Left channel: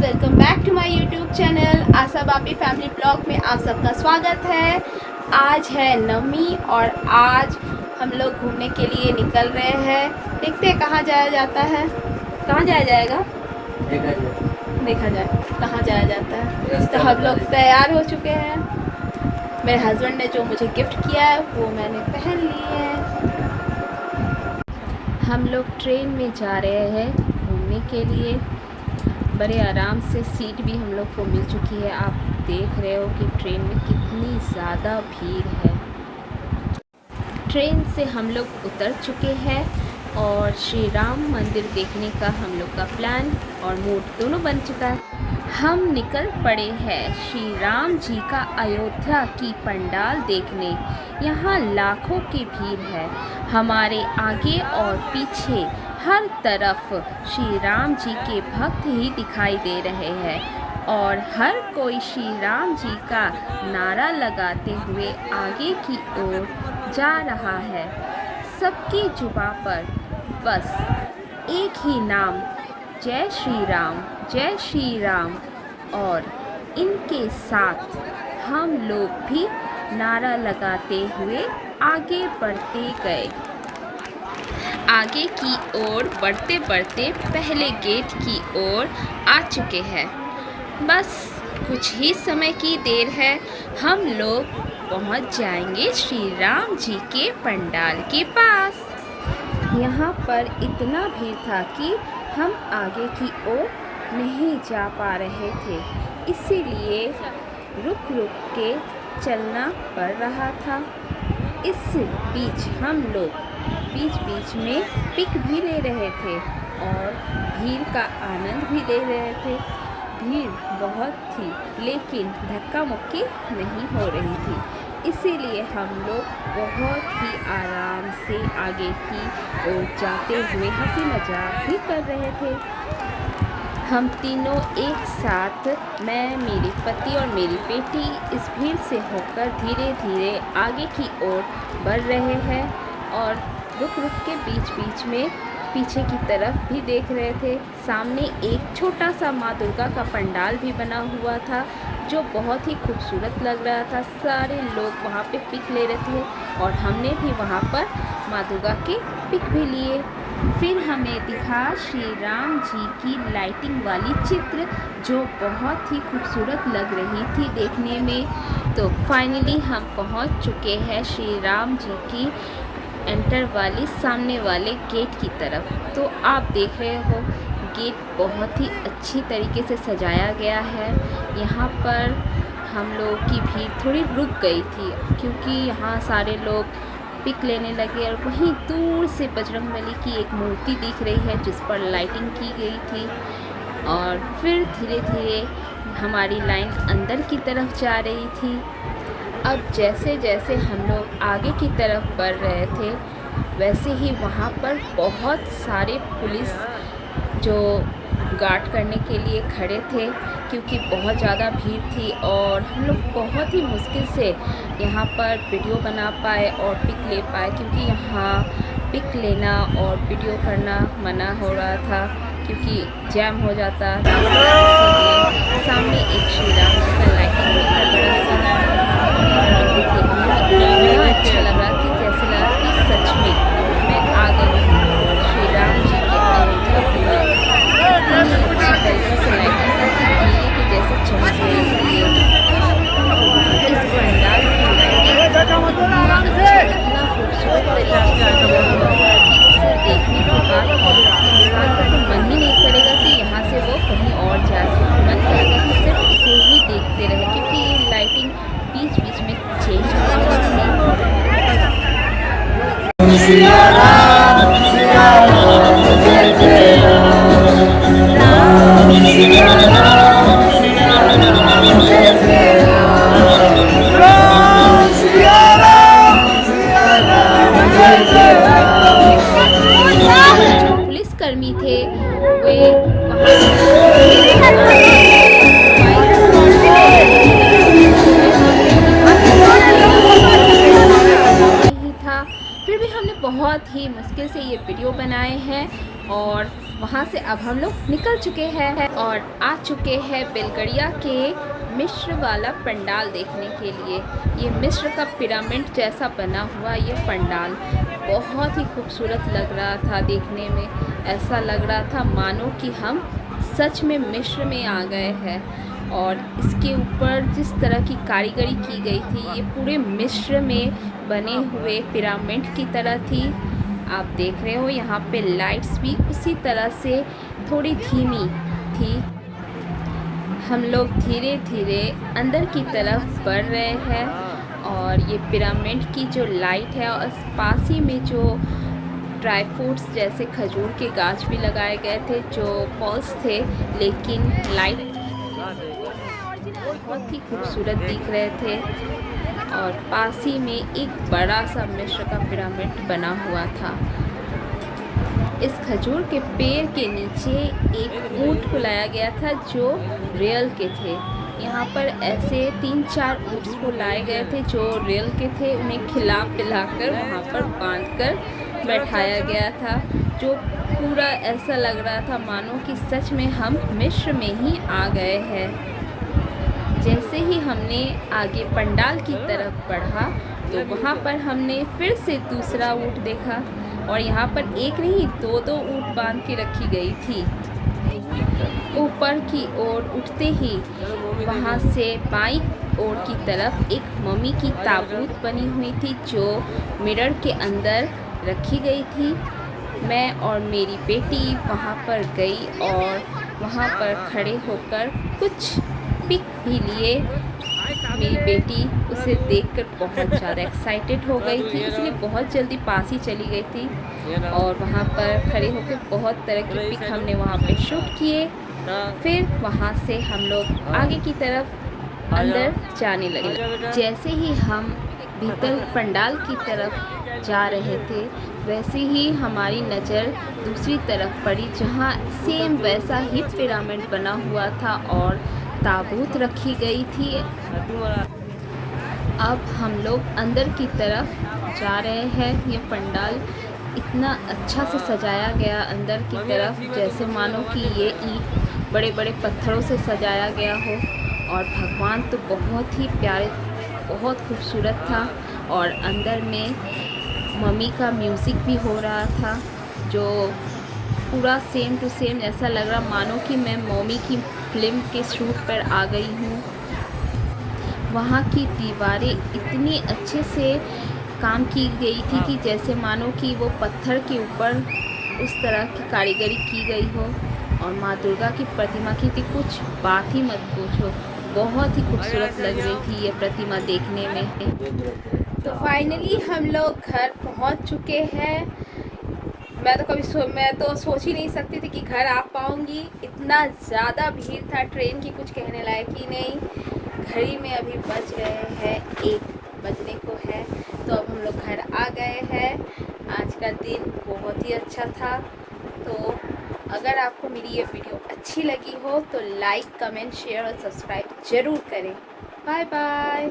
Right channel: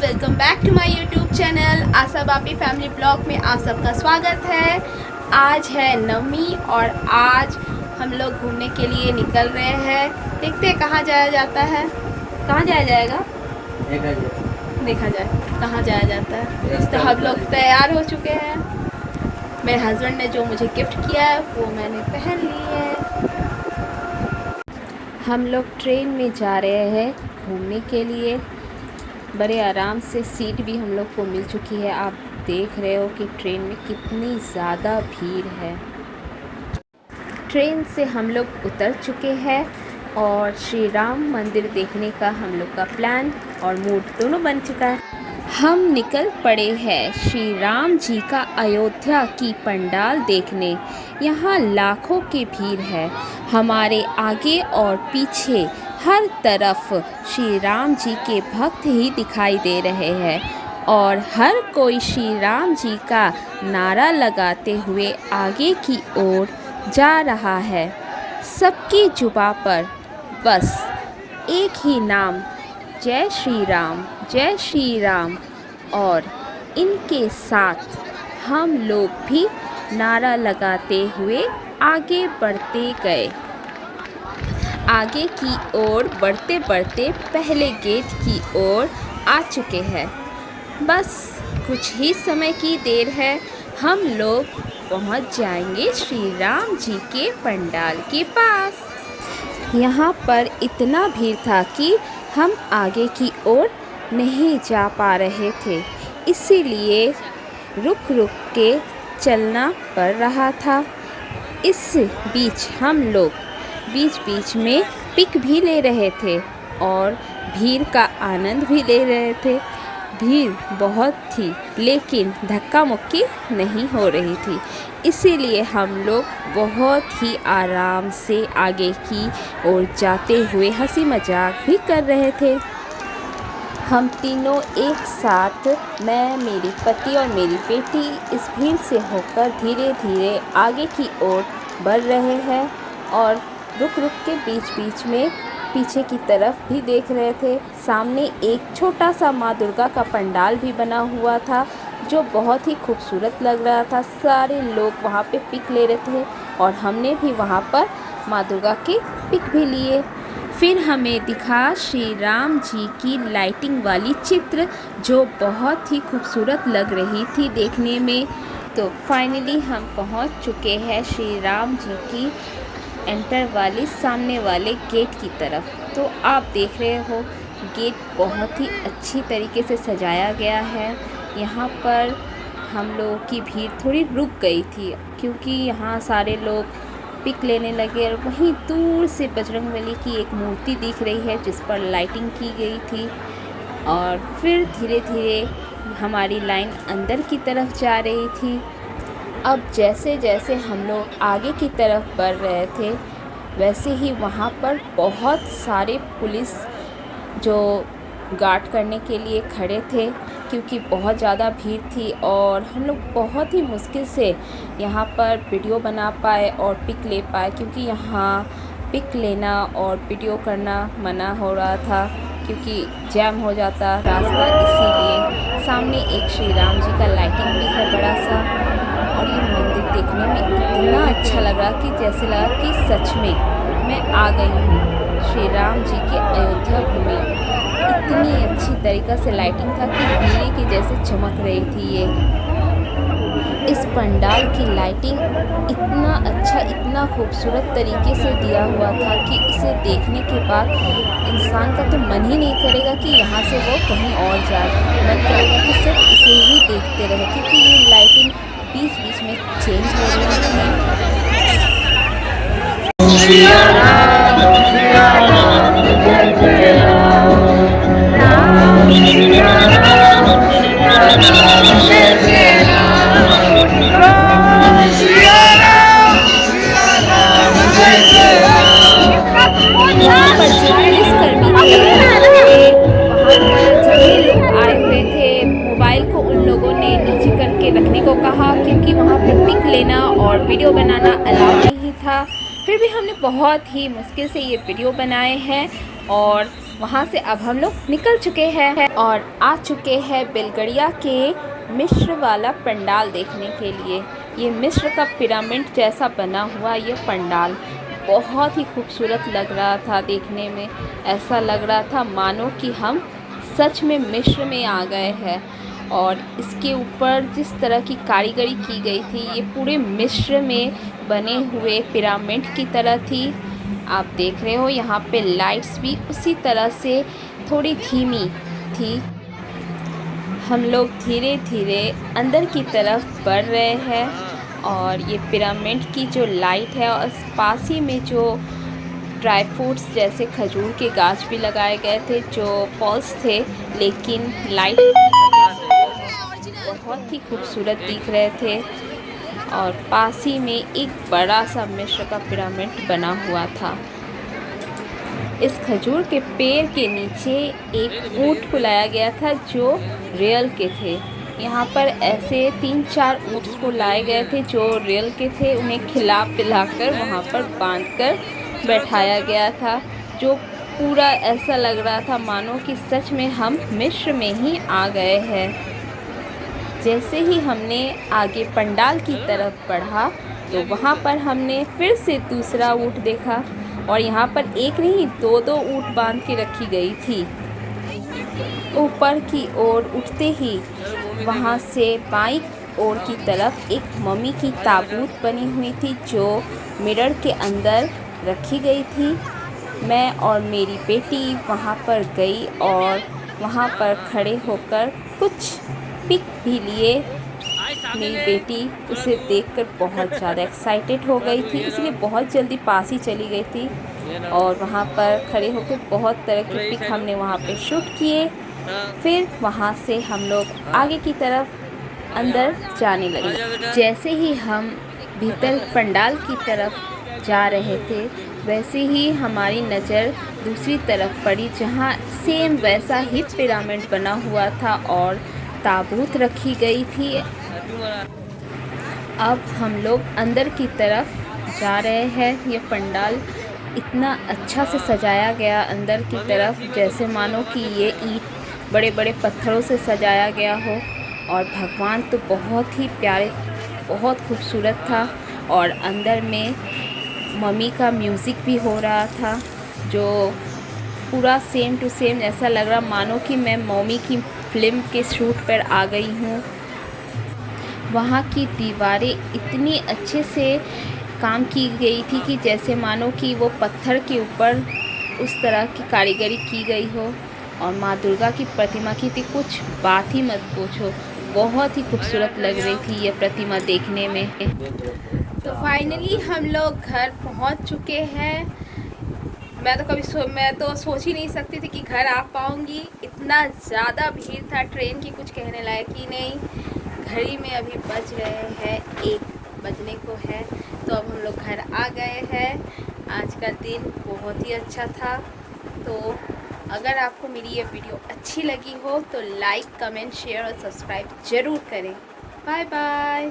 Welcome back to my YouTube channel Asha Bapi family blog में आप सबका स्वागत है। आज है नवमी और आज हम लोग घूमने के लिए निकल रहे हैं। देखते हैं कहाँ जाया जाता है, कहाँ जाया जाएगा देखा जाए कहाँ जाया जाता है। तो हम लोग तैयार हो चुके हैं। मेरे हस्बैंड ने जो मुझे गिफ्ट किया है वो मैंने पहन ली है। हम लोग ट्रेन में जा रहे हैं घूमने के लिए। बड़े आराम से सीट भी हम लोग को मिल चुकी है। आप देख रहे हो कि ट्रेन में कितनी ज़्यादा भीड़ है। ट्रेन से हम लोग उतर चुके हैं और श्री राम मंदिर देखने का हम लोग का प्लान और मूड दोनों बन चुका है। हम निकल पड़े हैं श्री राम जी का अयोध्या की पंडाल देखने। यहाँ लाखों की भीड़ है। हमारे आगे और पीछे हर तरफ श्री राम जी के भक्त ही दिखाई दे रहे हैं और हर कोई श्री राम जी का नारा लगाते हुए आगे की ओर जा रहा है। सबकी जुबां पर बस एक ही नाम, जय श्री राम, जय श्री राम। और इनके साथ हम लोग भी नारा लगाते हुए आगे बढ़ते गए। आगे की ओर बढ़ते बढ़ते पहले गेट की ओर आ चुके हैं। बस कुछ ही समय की देर है, हम लोग पहुंच जाएंगे श्री राम जी के पंडाल के पास। यहाँ पर इतना भीड़ था कि हम आगे की ओर नहीं जा पा रहे थे, इसीलिए रुक रुक के चलना पड़ रहा था। इस बीच हम लोग बीच बीच में पिक भी ले रहे थे और भीड़ का आनंद भी ले रहे थे। भीड़ बहुत थी लेकिन धक्का मुक्की नहीं हो रही थी, इसीलिए हम लोग बहुत ही आराम से आगे की ओर जाते हुए हंसी मजाक भी कर रहे थे। हम तीनों एक साथ, मैं, मेरे पति और मेरी बेटी, इस भीड़ से होकर धीरे धीरे आगे की ओर बढ़ रहे हैं और रुक रुक के बीच बीच में पीछे की तरफ भी देख रहे थे। सामने एक छोटा सा माँ दुर्गा का पंडाल भी बना हुआ था जो बहुत ही खूबसूरत लग रहा था। सारे लोग वहाँ पे पिक ले रहे थे और हमने भी वहाँ पर माँ दुर्गा की पिक भी लिए। फिर हमें दिखा श्री राम जी की लाइटिंग वाली चित्र जो बहुत ही खूबसूरत लग रही थी देखने में। तो फाइनली हम पहुँच चुके हैं श्री राम जी की एंटर वाली सामने वाले गेट की तरफ। तो आप देख रहे हो गेट बहुत ही अच्छी तरीके से सजाया गया है। यहाँ पर हम लोगों की भीड़ थोड़ी रुक गई थी क्योंकि यहाँ सारे लोग पिक लेने लगे और वहीं दूर से बजरंगबली की एक मूर्ति दिख रही है जिस पर लाइटिंग की गई थी। और फिर धीरे धीरे हमारी लाइन अंदर की तरफ जा रही थी। अब जैसे जैसे हम लोग आगे की तरफ बढ़ रहे थे वैसे ही वहाँ पर बहुत सारे पुलिस जो गार्ड करने के लिए खड़े थे क्योंकि बहुत ज़्यादा भीड़ थी और हम लोग बहुत ही मुश्किल से यहाँ पर वीडियो बना पाए और पिक ले पाए क्योंकि यहाँ पिक लेना और वीडियो करना मना हो रहा था क्योंकि जैम हो जाता रास्ता। इसीलिए सामने एक श्री राम जी का लाइटिंग भी है बड़ा सा और मंदिर देखने में इतना अच्छा लग रहा कि जैसे लगा कि सच में मैं आ गई हूँ श्री राम जी के अयोध्या घूमने। इतनी अच्छी तरीक़े से लाइटिंग था कि हीरे की जैसे चमक रही थी ये। इस पंडाल की लाइटिंग इतना अच्छा, इतना खूबसूरत तरीके से दिया हुआ था कि इसे देखने के बाद इंसान का तो मन ही नहीं करेगा कि यहाँ से वो कहीं और जाए। मन करेगा कि सिर्फ इसे ही देखते रहे क्योंकि ये लाइटिंग बीच बीच में चेंज हो रही थी। पुलिसकर्मी थे वहाँ पर जो आ रहे थे बाइक को कहा क्योंकि वहाँ पर लेना और वीडियो बनाना अलाउ नहीं था। फिर भी हमने बहुत ही मुश्किल से ये वीडियो बनाए हैं और वहाँ से अब हम लोग निकल चुके हैं और आ चुके हैं बेलगड़िया के मिस्र वाला पंडाल देखने के लिए। ये मिस्र का पिरामिड जैसा बना हुआ ये पंडाल बहुत ही खूबसूरत लग रहा था देखने में। ऐसा लग रहा था मानो कि हम सच में मिस्र में आ गए हैं। और इसके ऊपर जिस तरह की कारीगरी की गई थी ये पूरे मिस्र में बने हुए पिरामिड की तरह थी। आप देख रहे हो यहाँ पे लाइट्स भी उसी तरह से थोड़ी धीमी थी। हम लोग धीरे धीरे अंदर की तरफ बढ़ रहे हैं और ये पिरामिड की जो लाइट है और पास ही में जो ड्राई फ्रूट्स जैसे खजूर के गाछ भी लगाए गए थे जो फॉल्स थे, लेकिन लाइट बहुत ही खूबसूरत दिख रहे थे। और पास ही में एक बड़ा सा मिस्र का पिरामिड बना हुआ था। इस खजूर के पेड़ के नीचे एक ऊँट को लाया गया था जो रियल के थे। यहाँ पर ऐसे 3-4 ऊँट को लाए गए थे जो रियल के थे। उन्हें खिला पिलाकर वहाँ पर बांधकर बैठाया गया था, जो पूरा ऐसा लग रहा था मानो कि सच में हम मिस्र में ही आ गए हैं। जैसे ही हमने आगे पंडाल की तरफ बढ़ा तो वहाँ पर हमने फिर से दूसरा ऊँट देखा और यहाँ पर एक नहीं 2-2 ऊँट बांध के रखी गई थी। ऊपर की ओर उठते ही वहाँ से बाईं ओर की तरफ एक मम्मी की ताबूत बनी हुई थी जो मिरर के अंदर रखी गई थी। मैं और मेरी बेटी वहाँ पर गई और वहाँ पर खड़े होकर कुछ पिक भी लिए। मेरी बेटी उसे देखकर बहुत ज़्यादा एक्साइटेड हो गई थी, इसलिए बहुत जल्दी पास ही चली गई थी और वहाँ पर खड़े होकर बहुत तरह के पिक हमने वहाँ पे शूट किए। फिर वहाँ से हम लोग आगे की तरफ अंदर जाने लगे। जैसे ही हम भीतर पंडाल की तरफ जा रहे थे वैसे ही हमारी नज़र दूसरी तरफ पड़ी जहाँ सेम वैसा ही पिरामिड बना हुआ था और ताबूत रखी गई थी। अब हम लोग अंदर की तरफ जा रहे हैं। ये पंडाल इतना अच्छा से सजाया गया अंदर की तरफ जैसे मानो कि ये ईंट बड़े बड़े पत्थरों से सजाया गया हो। और भगवान तो बहुत ही प्यारे, बहुत खूबसूरत था। और अंदर में मम्मी का म्यूज़िक भी हो रहा था जो पूरा सेम टू सेम ऐसा लग रहा मानो कि मैं मम्मी की फ़िल्म के शूट पर आ गई हूँ। वहाँ की दीवारें इतनी अच्छे से काम की गई थी कि जैसे मानो कि वो पत्थर के ऊपर उस तरह की कारीगरी की गई हो। और माँ दुर्गा की प्रतिमा की थी, कुछ बात ही मत पूछो, बहुत ही खूबसूरत लग रही थी ये प्रतिमा देखने में। तो फाइनली हम लोग घर पहुँच चुके हैं। मैं तो सोच ही नहीं सकती थी कि घर आ पाऊँगी। इतना ज़्यादा भीड़ था, ट्रेन की कुछ कहने लायक ही नहीं। घड़ी में अभी बज रहे हैं 1 बजने को है। तो अब हम लोग घर आ गए हैं। आज का दिन बहुत ही अच्छा था। तो अगर आपको मेरी ये वीडियो अच्छी लगी हो तो लाइक, कमेंट, शेयर और सब्सक्राइब ज़रूर करें। Bye bye.